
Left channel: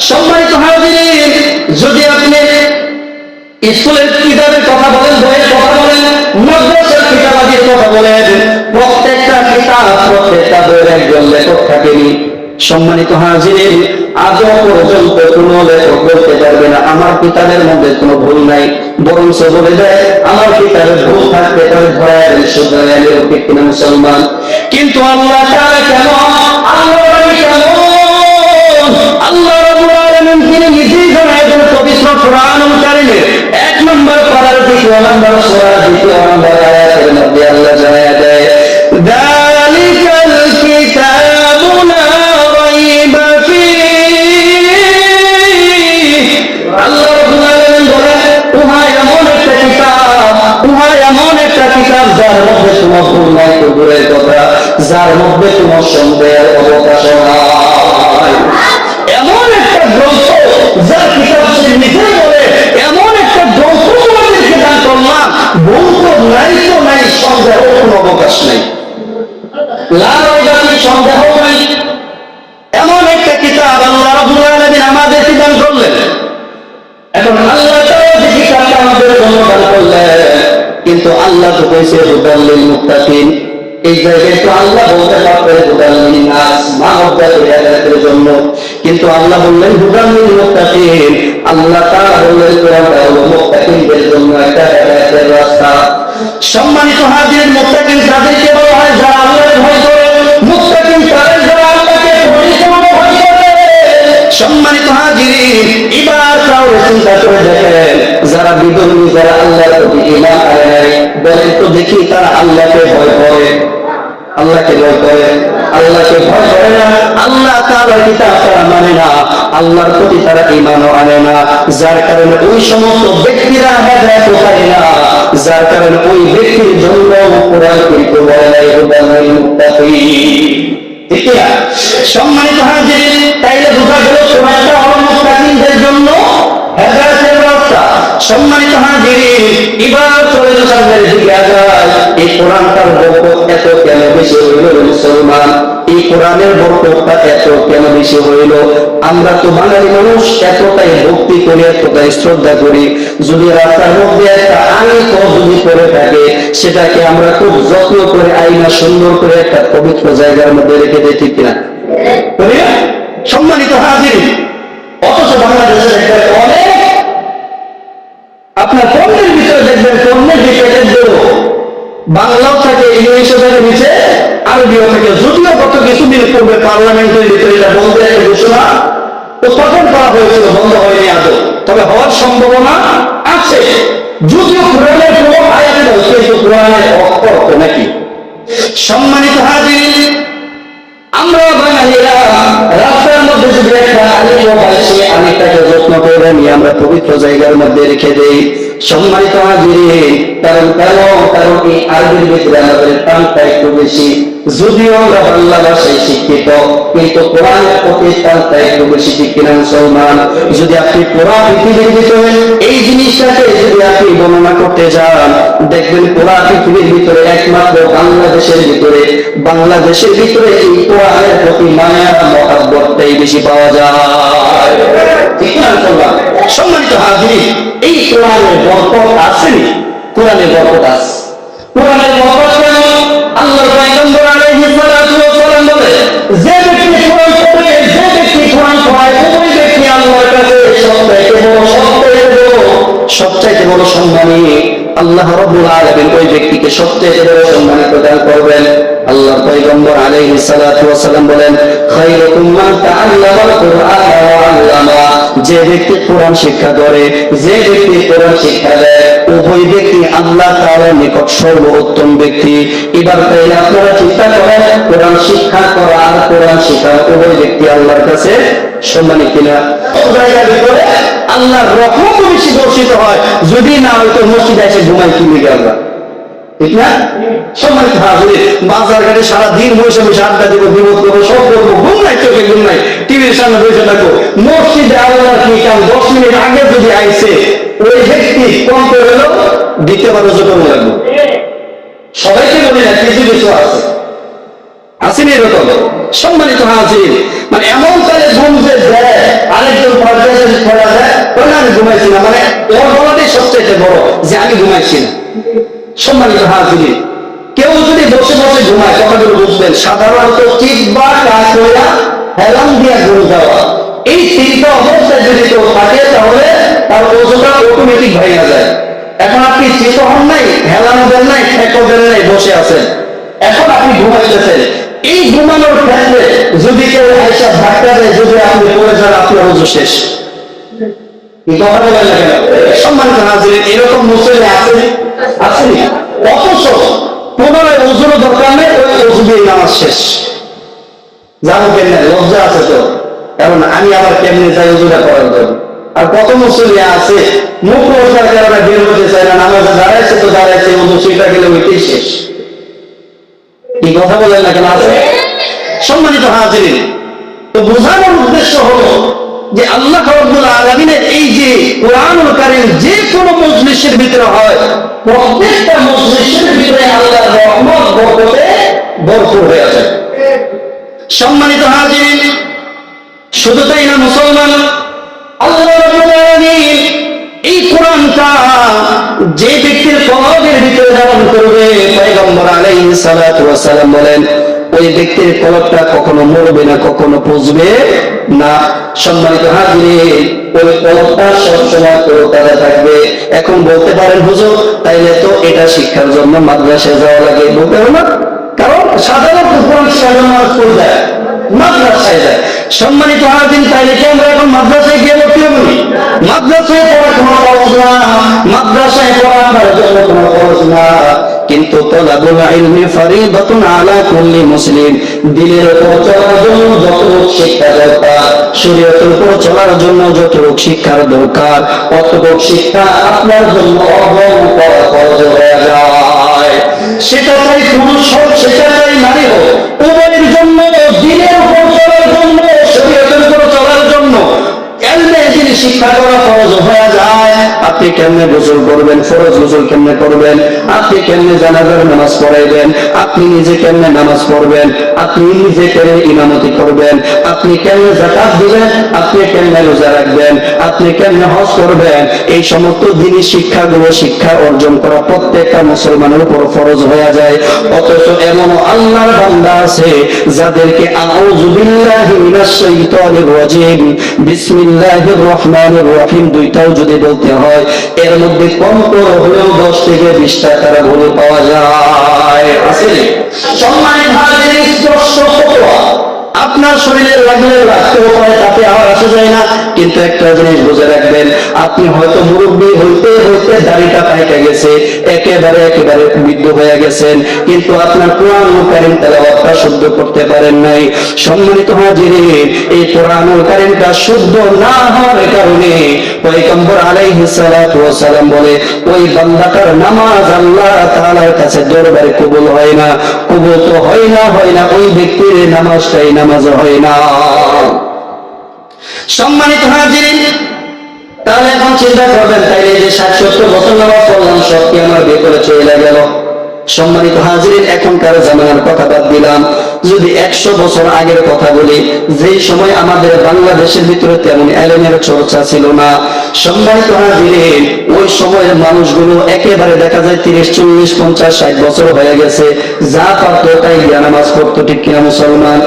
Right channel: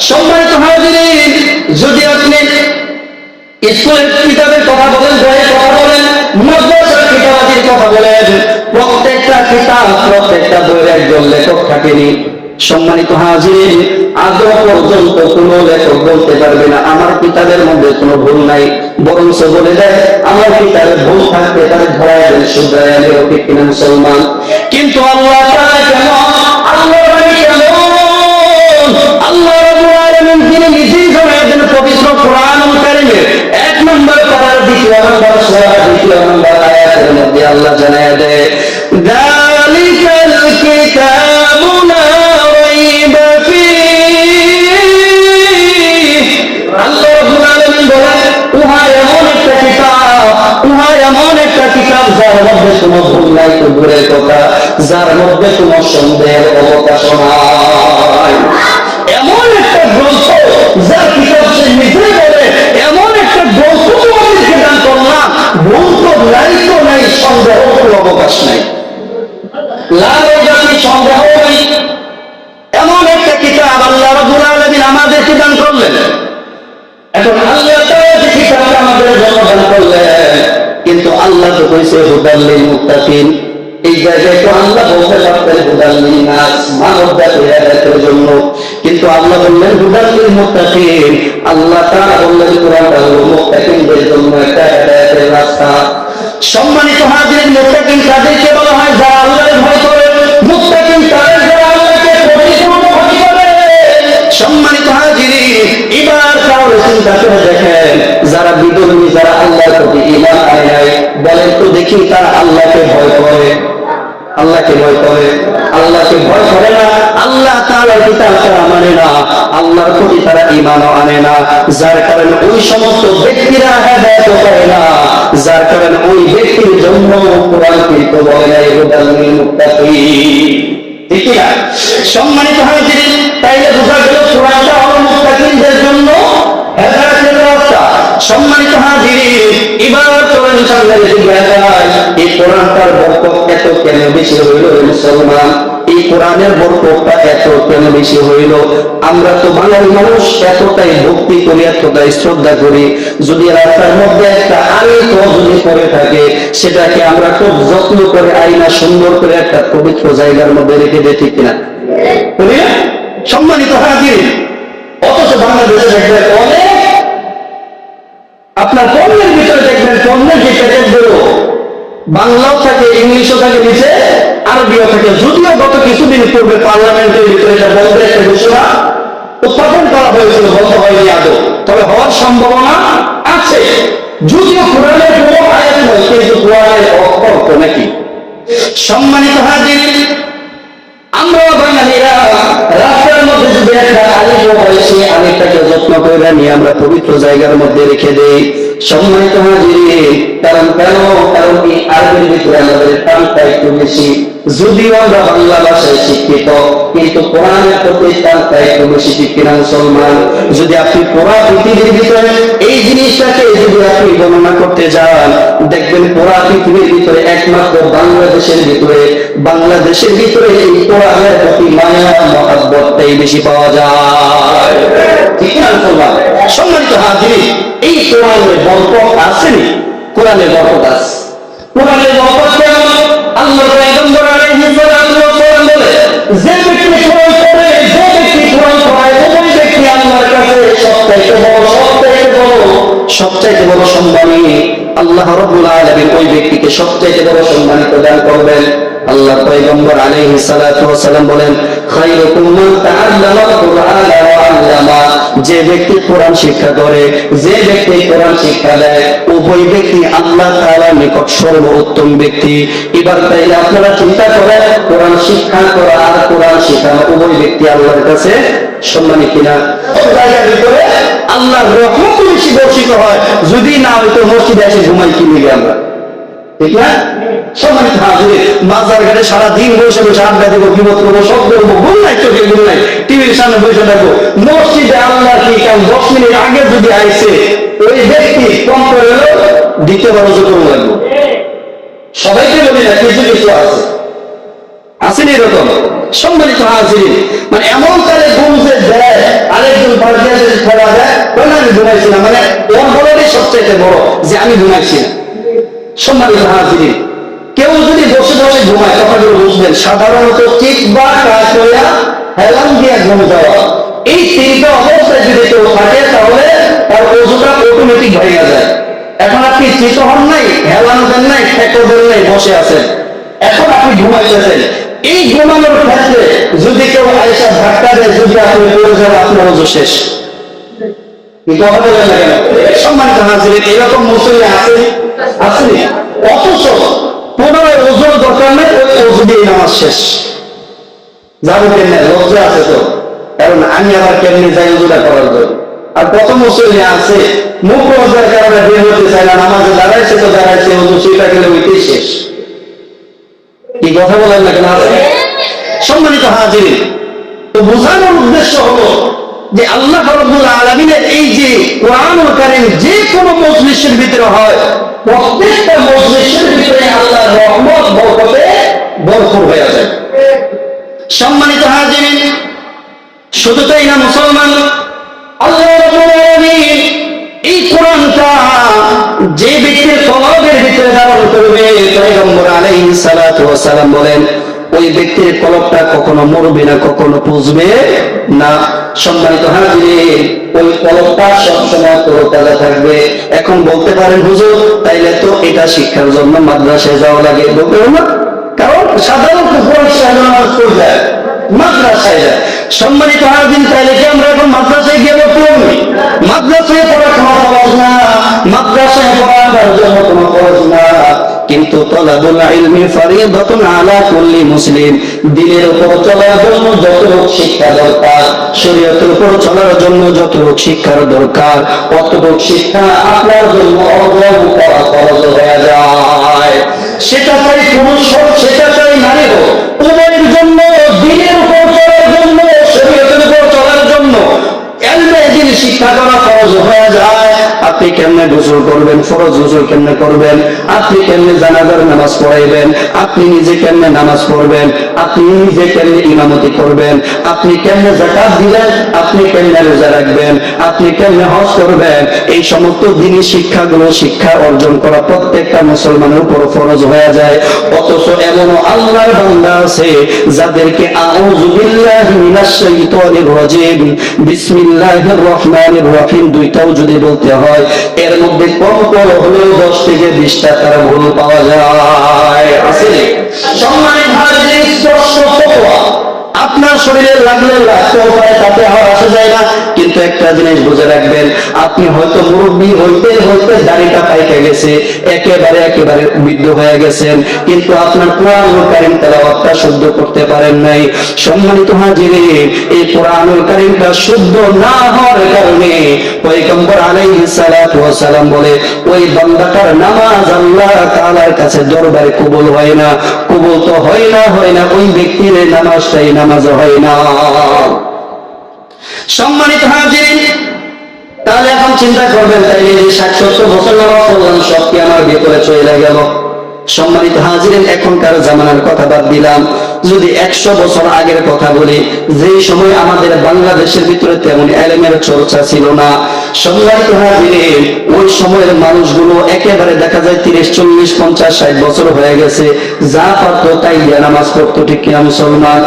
সম্মানিত হাজিরিন, যদি আপনি স্কুলের কিতাবের কথা বলেন, বইয়ের কথা বলেন, মাদ্রাসার কিতাবাদির কথা বলেন আমার কিতাবের মধ্যে কোনো ভুল নাই। বরং সে বলে দেয়, আমার কিতাবে ভুল থাকতে পারে, ধরায় কিনা মুসলমান। কিন্তু আল্লাহ দেন পবিত্র কোরআনুল কারীমের এক নম্বর পারার দ্বিতীয় নম্বর দ্বিতীয় নম্বর আয়াতের মধ্যে আল্লাহ জানায় যার মধ্যে কোনো ভুল নাই, তো দূরের কথা, যার মধ্যে কোনো সন্দেহের অবকাশ নাই। এমন একটা গ্রন্থ যার কিতাব সে নিজে বলে, এমন একটা গ্রন্থ তোমাদেরকে দান করলাম, ভুল তো নাই তো নাই, সন্দেহ কোনো অবকাশ নাই। লাল জাতি, সন্দেহ নাই। এমন একটা কিতাব আল্লাহ রাব্বুল আলামিন আমাদেরকে দান করলেন। এখন হুদাল্লিল মুক্তাকিন এই জায়গায় তো আল্লাহ বলতে পারতেন হুদাল্লিল নাস মানব জাতির জন্য। কিন্তু আল্লাহ বললেন হুদাল্লিল মুক্তাকিন আল্লাহ তার বললেন, কোরআনটা হলো মুক্তাকিনদের জন্য একটা হেদায়েতের রাস্তা। সম্মানিত হাজির মুক্তাকিন তাদেরকে বলা হয়, যারা আল্লাহর ভয় করে মুক্তাকিন সম্মানিত হাজিরি, এবার তাহলে চিন্তা করে দেখেন, যারা বিধর্মী যারা আল্লাহর প্রতি ইমান আনে নাই, বলেন তো দেখি তারা আল্লাহকে ভয় করে। আল্লাহকে ভয় করে। আল্লাহকে ভয় করে না, আল্লাহ তাআলার কিতাব তারা মানে না, আল্লাহর প্রতি তারা ঈমানও আনে না। যার কারণে ওই সমস্ত ব্যক্তিরা হেদায়েত পায় না। যার কারণে ওই ব্যক্তির জন্য কোরআন কিন্তু বলে নাই, হুদাল লিল সম্মানিত হয়েছিলেন তাইলে বোঝা গেল কোরআনটা হল মুত্তাকিনদের জন্য হেদায়তের রাস্তা। সম্মানিত হাজিরিন, এবার চলেন সামনের দিকে আগায়। এই কোরআনটার বরকত এত কেন বেশি হইল মুসলমান? এই কোরআনের বরকতটা এত কেন বেশি হইল? আমরা তো বাঙালি মানুষ, এতটাই ভক্তি করি, এতটাই শ্রদ্ধা করি। যদি রাস্তার মধ্যে একটা আলিত যদি পড়ে থাকে, সেটাকে আমরা খুব যত্ন করে আইনা সুন্দর করে একটা পবিত্র জায়গার মধ্যে রেখে দিই, ঠিক কিনা? সম্মানিত হাজির অথচ বাংলাদেশের দেখবেন অনেক আপনার পণ্যের ভিতরে দেখবেন পণ্যের যে প্যাকেটগুলো বাংলাও থাকে, ইংলিশও থাকে, নিচে আরবিও থাকে। যদিও গত কিছুদিন পূর্বে পার্লামেন্টের ভিতরে এটা বন্ধের একটা ঘোষণা উত্থাপন করা হয়েছিল, বন্ধ হয়নি আদৌ। তবে হওয়ার সম্ভাবনা আছে। যদিও কোরআনের কোনো আয়াত নয় কিন্তু কোরআনের অক্ষর নাকি। সম্মানিত হাজির আমরা বাঙালিরা রাস্তার মধ্যে যদি একটা যত্ন করে নিয়ে আমরা পবিত্র জায়গার মধ্যে রেখে দেই, সম্মানিত কারণ কেন? কারণ এই আরবির ভিতরে আমাদের টানটা একটু বেশি। যদিও আমরা বাংলা ভাষায় শিক্ষিত, কিন্তু কোরআনের প্রতি টানটা একটু বেশি কিনা মুসলমান? যদি আপনি পুরা পৃথিবীর ভিতরে এই জিনিসটাকে যদি আপনি বর্ণনা করতে যান, দেখবেন পুরা পৃথিবীর ভিতরে একমাত্র বাংলাদেশের ভিতরে বাংলাদেশের ভিতরে এই কোরআনের প্রতি মায়া মহাব্বতটাই বেশি পাওয়া যায়। ঠিক না সম্মানিত হাজিরি এই কোরআনের বরকত আসেনি কোরআনের বরকত আছে। কোরআনের বরকত কেমন? আল্লাহ পয়গম্বর আলাইহিস সালাতু ওয়াস সালাম বলে, যে সবচাইতে বড় সম্মানী আল্লাহ রব্বুল আলামিন ওই ব্যক্তিকে সবচাইতে বড় সম্মানিত দান করবেন। আল্লাহর পয়গম্বর আলাইহিস সালাতু ওয়াস সালাম বলেন, খায়রুকুম মান তাআল্লামাল কুরআন ওয়া আল্লামা। যে ব্যক্তি কোরআন শিক্ষা করে, যে ব্যক্তি কোরআন শিক্ষা দেয়, উভয় ব্যক্তি আল্লাহ তাআলার নিকট সর্বোত্তম ব্যক্তি। এবার তাইলে আপনারা চিন্তা করেন, কোরআন শিক্ষা করা আর কোরআন শেখানো উভয় ব্যক্তি আল্লাহর কাছে সম্মানী কিনা? ভিতরে আল্লাহর রহমত বেশি বর্ষিত হয়। যদি না হয়তো মসজিদে এসে ঘুমাই, কি লিগে আমরা? ঠিক না? সম্মানিত হাজুরি বাজার ঘাটে সারা দিন বসে বসে আড্ডা দিব বিপদ করব, সব করব ঘুম নাই, চোখে ঘুম নাই। টিভির সামনে বসে থাকব। মসজিদে আল্লাহ কি কারণ দশ মিনিট আগে যদি আইসে, ওই ব্যক্তি কম করে হলেও দ্বিতীয়বার রোজা করুন লাগবো। সবাইকে বলি না, কিছু কিছু আছে। আসেনি এরকম। সম্মানিত হাজিরিন মানে এমন তাহলে ঘুম যে দেয়, আরেকজন যদি দেয় তখন আমি ঘুমাইছি না। মানে ওর বলাটাই সবচাইতে বড় যে আমি ঘুমাইছি না। সম্মানিত হাজিরিন, কেউ যদি বসে বসে ঘুমায়, কথাগুলো বুঝবেন। সাধারণত চিত বা কাজ হইয়া হেলান দিয়া ঘুম যাওয়া। এই তিনটা অবস্থায় যদি কেউ থাকে, তাহলে তার ওজনটা অটোমেটিক ভাইয়া যায়। এখন আপনি চিত হন নাই হেলানো দেন নাই খেকো দেন নাই, বসে আছেন। এখন আপনি ঘুমাইতেছেন। এই ঘুমানোর ক্ষেত্রে যদি কেউ আয়সা ধাক্কা দেয়, যদি আপনি পড়ে যান, আপনার ওজু শেষ। না সম্মানিত এরকম আসেনি অথচ পুনরায় ওজুরও দরকার নেই, ওই ওজু দিয়ে নামাজ শেষ। যাব কেমনে? লজ্জা আছে তো। কারণ আমি আবার কেমনে যাই ওজুটা করার জন্য? আর কত মুসলিম আছে, মুখ লজ্জার কারণে বের হতে চায় না, নামাজে দাঁড়াইছে তো দাঁড়াইছে ওজু সেটা গেলে ওইটাই শেষ। কি কথা বলেন না কেন? আছে সম্মানিত হাজিরিন, তো বোঝানোর উদ্দেশ্য হলো যে আল্লাহ আলমিনের এই যে কোরআনুল কারিম যে কোনো মজলিসের ভিতরে হয়, প্রত্যেকটা মজলিসের ভিতরে আল্লাহ রহমত, বরকতে ভরপুর হয়ে যায়। সম্মানিত হাজিরিন, শুধু তাই না, মুসলমান, আল্লাহ রাব্বুল আলামিন এই কোরআনটা যে ব্যক্তির কলবের ভিতরে ধারণ করবে, পয়গম্বর সালাতু সালাম বলেন, ওই ব্যক্তির কলবটা কখনো মরবে না, কখনো পুষবে না। সম্মানিত হাজিরিন ওই কলবটা সবসময় তরতাজা থাকবে। এখন বলতে পারেন, হুজুর, তাইলে তো এটা শিক্ষার জন্য মাদ্রাসায় যাওয়া লাগে। বলতে হবে না কারণ সাধারণত মাদ্রাসায় যায়। সম্মানিত হাজিন তাইলে কি আমরা এখন মাদ্রাসায় গিয়ে হব মাদ্রাসায় পড়া কোনো খরচ না। মাদ্রাসায় পড়া জন্য কোনো খরচ না। কিন্তু তলাবুল আলা মুসলিম দিনের উপর চলার জন্য যতটুক শিক্ষা দরকার, শরীয়তের উপর চলার জন্য যতটুক শিক্ষার দরকার, অতটুক শিক্ষা আপনার জন্য করা খরচ হয়ে যায়। সেটা চাই পুরুষ হোক, সেটা চাই নারী হোক, উভয়ের জন্য শিক্ষা করা ফরজ হয়ে যায়। আপনি কেমনে গোসল করবেন? ফরজ গোসল কেমনে করবেন? আপনি কেমনে জানাজার নামাজ পড়াইবেন? আপনি নিজে কেমনে নামাজ পড়বেন? আপনি নিজে কেমনে ইমামতি করবেন? আপনি কেমনে জাকাত দিবেন? আপনি কেমনে রোজা রাখবেন? আপনি কেমনে হজ করবেন? এই সমস্ত দিনই শিক্ষাগুলো শিক্ষা অর্জন করা প্রত্যেকটা মুসলমানের উপর ফরজ হয়ে যায়। অথচ এমনও আল্লাহর বান্দা আছে যাদেরকে আউযু বিল্লাহি মিনাশ শাইতানির রাজিম। বিসমিল্লাহির রহমানির রহিম। দুইটাও যদি বলতে হয় এর মধ্যে কম করে হলেও 10 থেকে 20 টাকার ভুল পাওয়া যায়। আছে সম্মানিত স্পর্শ আপনার শরীরে লাগলে লাগতেও পারে, তাতে আমার আসা যায় না। কিন্তু একটা জিনিস বুঝে রাখবেন, আপনি হয়তো মুরব্বী হইতে হইতে দাড়িটা পাইকে গেছে, একেবারে একেবারে বৃদ্ধ হয়ে গেছেন, কিন্তু আপনার কোরআনুল কারিম তেলাওয়াতটা শুদ্ধ করতে পারেন নাই। সম্মানিত হাজিরে এই কোরআনুল কারিমটা শুদ্ধ না হওয়ার কারণে পয়গম্বর আলাইহিস সালাতু ওয়াস সালাম বলে, ওই বান্দাটার নামাজ আল্লাহ তাআলার কাছে দরবারে কবুল হয় না। কবুল তো হয় না হয় না, ওই ব্যক্তির নামাজটাই নামাজ হয় না। সম্মানিত হাজিরিন, তাহলে এখন চিন্তা করবেন, তাইলে যে ষাট সত্তর বছর নামাজ পড়লাম, সব কি আমার ভেতরে চলে গেল? সম্মানিত হাজিরিন, এখনকার জামানার কথা বাদ দিলাম। যদি একশো বছর আগের কথা বলি যে সময় আমাদের বাংলাদেশের ভিতরে তেমন এলেমের চর্চা ছিল না। সম্মানিত হাজিরিন ওই সময়ের মানুষগুলো একেবারে দেখা যায় তিরিশ, চল্লিশ, পঞ্চাশ, ষাট বছর হয়ে গেছে। যা পারতো তাই দিয়া নামাজ পড়তো, ঠিক কিনা মুসলমান?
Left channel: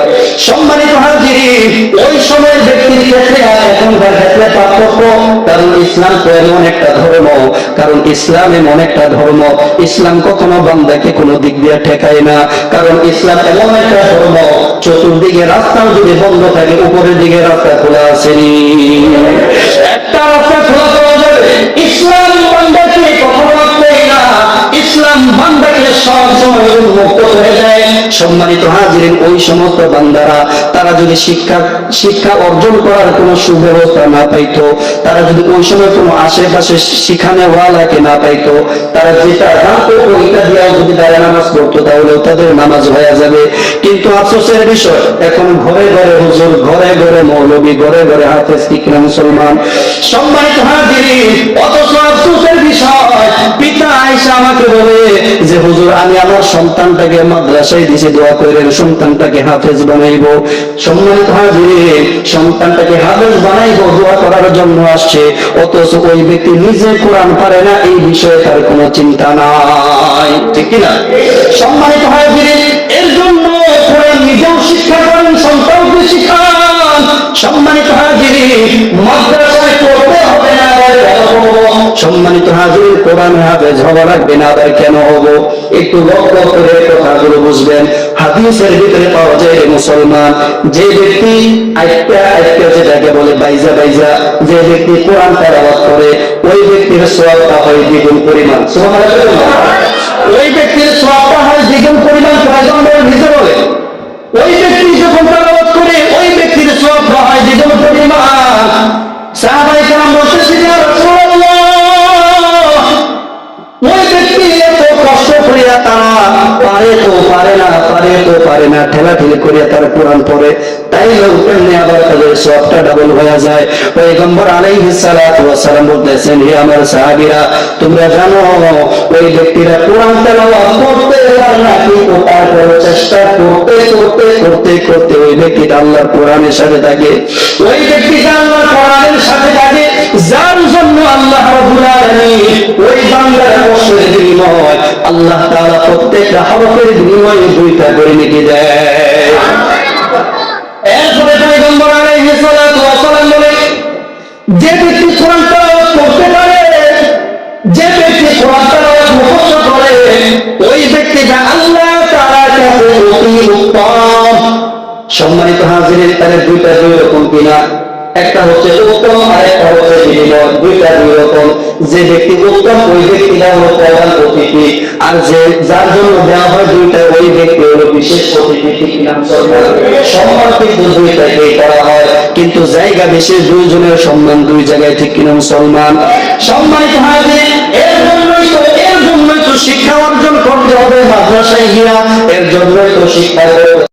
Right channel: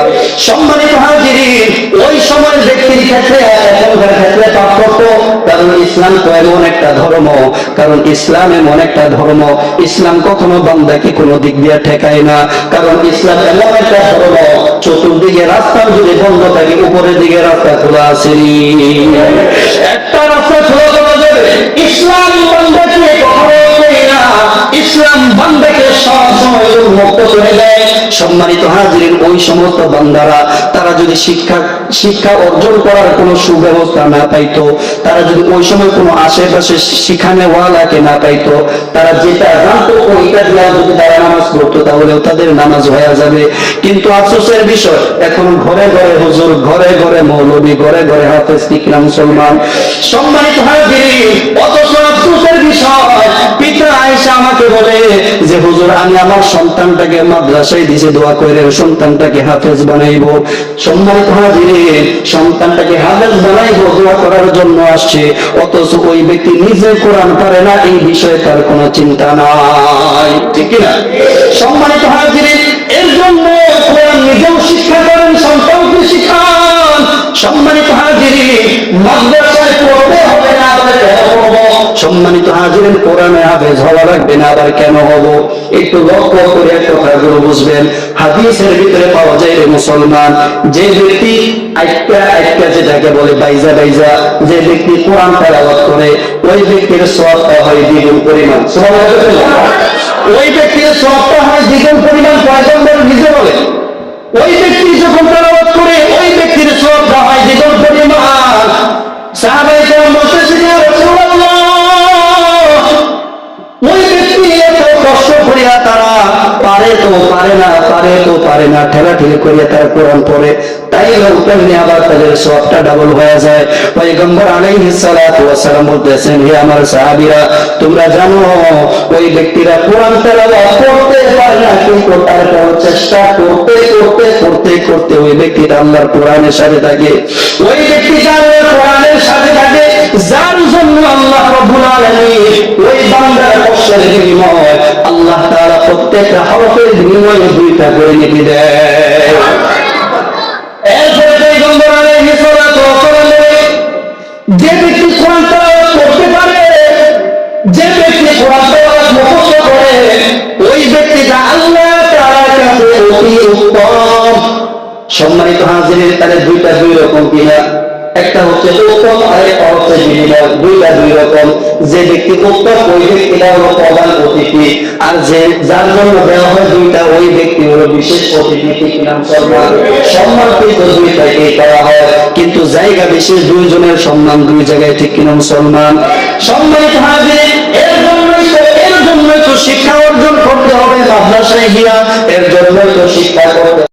সম্মানিত হাজিরিন ওই সময়ের ব্যক্তির ক্ষেত্রে এখনকার ক্ষেত্রে পার্থক্য, কারণ ইসলাম তো এমন একটা ধর্ম, কারণ ইসলাম এমন একটা ধর্ম, ইসলাম কখনো বান্দাকে কোনো দিক দিয়ে ঠেকায় না, কারণ ইসলাম এমন একটা ধর্ম, চতুর্দিকে রাস্তাও যদি বন্ধ থাকে, উপরের দিকে রাস্তা খোলা আসেনি একটা রাস্তা খোলা পাওয়া যাবে। ইসলাম বান্দাকে কখনো নেই না। ইসলাম বান্দাকে সব সময় উন্মুক্ত করে দেয়। সম্মানিত হাজিরেন, ওই সমস্ত বান্দারা তারা যদি শিক্ষা শিক্ষা অর্জন করার কোনো সুব্যবস্থা না পাইতো, তারা যদি ওই সময় কোনো আশেপাশে শিখানে ওয়ালাকে না পাইতো, তারা যেটা জানতো ওইটা দিয়েও যদি তারা নামাজ পড়তো, তাহলেও তাদের নামাজ হয়ে যাবে। কিন্তু আফসোসের বিষয়, এখন ঘরে ঘরে হুজুর, ঘরে ঘরে মৌলবী, ঘরে ঘরে হাফেজ কিনা মুসলমান। সম্মানিত হাজিরিন, অথচ আফসোসের বিষয়, পিতা আয়সা আমাকে বলে যে, হুজুর, আমি আমার সন্তানটাকে মাদ্রাসায় দিছি, দোয়া করেন সন্তানটাকে হাফেজ বানাইবো। সম্মানিত হাজিরিন, সন্তানটাকে হাফেজ বানাইবো, দোয়া করার জন্য আসছে। অথচ ওই ব্যক্তি নিজে কোরআন পারে না, এই বিষয়ে তার কোনো চিন্তা নাই। ঠিক না সম্মানিত হাজিরিন, এর জন্য কোরআন নিজেও শিক্ষা করেন সন্তানকে শিখান। সম্মানিত হাজিরিন, মাদ্রাসায় পড়তে হবে না সম্মানিত হাজিরিন, কোরআনে হাফেজ হওয়া লাগবে না, আবার কেন হব? একটু লক্ষ্য করে কথাগুলো বুঝবেন। হাদিসের ভিতরে পাওয়া যায় মুসলমান, যে ব্যক্তি আইকা আইকা যেটাকে বলে বাইজা বাইজা, যে ব্যক্তি কোরআন তেলাওয়াত করে, ওই ব্যক্তির সওয়াবটা হয় দ্বিগুণ পরিমাণ। সুবহানাল্লাহ। ওই ব্যক্তির সওয়াবটা হয় দ্বিগুণ পরিমাণ, পয়গম্বর নিজে বলে। ওই ব্যক্তি যখন তেলাওয়াত করে, ওই ব্যক্তির সওয়াবটা হয় দ্বিগুণ পরিমাণ। সাহাবায়ে কেরাম বলতেছেন ইয়া রাসূলুল্লাহ! ওই ব্যক্তি করিয়া তারা পারে তো পারে না, পারে তো পারে না ঠেলা ঠেলি করিয়া তারা কোরআন পড়ে। তাই আবার তাদের সবটা ডাবল হয়ে যায়। সালাম বলতেছেন, হে আমার সাহাবীরা, তোমরা জানো, ওই ব্যক্তিরা কোরআন তেলাওয়াত করতে পারে না, কিন্তু তারপর চেষ্টা করতে করতে করতে করতে ওই ব্যক্তিটা আল্লাহর কোরআনের সাথে থাকে। ওই ব্যক্তিটা আল্লাহর কোরআনের সাথে থাকে, যার জন্য আল্লাহ রাব্বুল আলামিন ওই বান্দার কষ্টের আল্লাহ তাআলা প্রত্যেকটা হরফের বিনিময়ে দুইটা করে নেকি দেয়। এরপরে যে ব্যক্তি কোরআন করতে পারে, যে ব্যক্তি কোরআন মুখস্থ করে, ওই ব্যক্তিটা আল্লাহ কাছে অতি উত্তম। সম্মানিত হাজিরের তাহলে দুইটা দুই রকম কিনা একটা হচ্ছে উত্তম আর একটা হচ্ছে বিনিময়। দুইটা দুই রকম। যে ব্যক্তি উত্তম, ওই ব্যক্তিটা হলো প্রধান অতিথি। আর যে যার জন্য দেওয়া হয় দুইটা, ওই ব্যক্তি হলো বিশেষ অতিথি সম্মান। সম্মান কিন্তু দুইটাকেই করা হয়। কিন্তু জায়গা বিশেষ দুইজনের সম্মান দুই জায়গায়, ঠিক কিনা মুসলমান? সম্মানিত হাজির, এর জন্যই তো, এর জন্যই তো শিক্ষা অর্জন করতে হবে মাদ্রাসায় গিয়া। এর জন্যই তো শিক্ষা করতে